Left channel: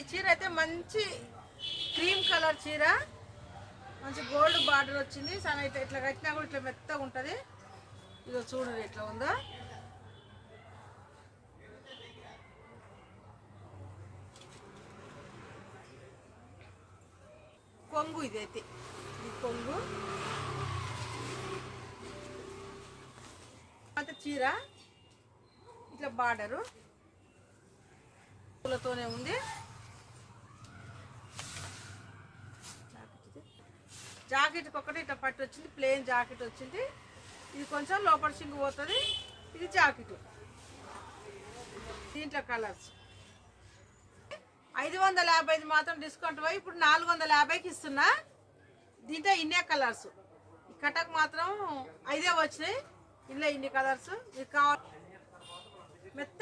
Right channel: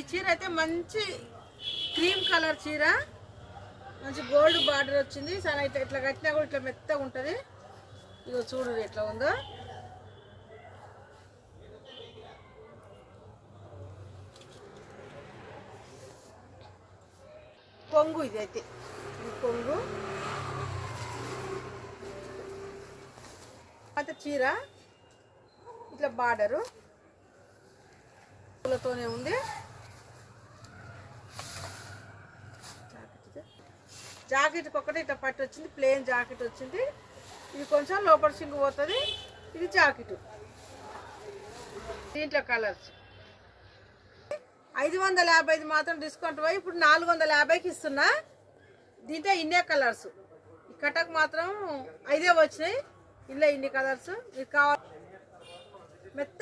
ఈ చీర అయితే మంచి క్రీమ్ కలర్ చీర, మంచి గోల్డ్ బార్డర్ వచ్చింది. సరే ఇట్లా కట్టినా కూడా ఇట్లా మెత్తగా ఉంటుంది. ఇదో చూడు ఎట్లా ఉందో. కొంగు ఇదైతే ఇది కొంగు అంత చీర ఇట్లా బార్డరు పూలతోనే ఉంది. జాకెట్కి ఒకటి ఇట్లా పట్టు వచ్చింది, ప్లెయిన్ జాకెట్ వచ్చింది. ఇది కొంచెం లోపల సింగు పోతుంది. ఇది జాకెట్. దీంట్లో కలర్స్ 550 మాత్రం డిస్కౌంట్ పోయి ఇప్పుడు 450కి ఇస్తున్నా. దీంట్లో ఇన్నే కలర్స్, కటక్ మాత్రం 5 వచ్చినాయి. ఇందులో ఇన్ని కలర్స్ మీకు కావాలి. మెత్త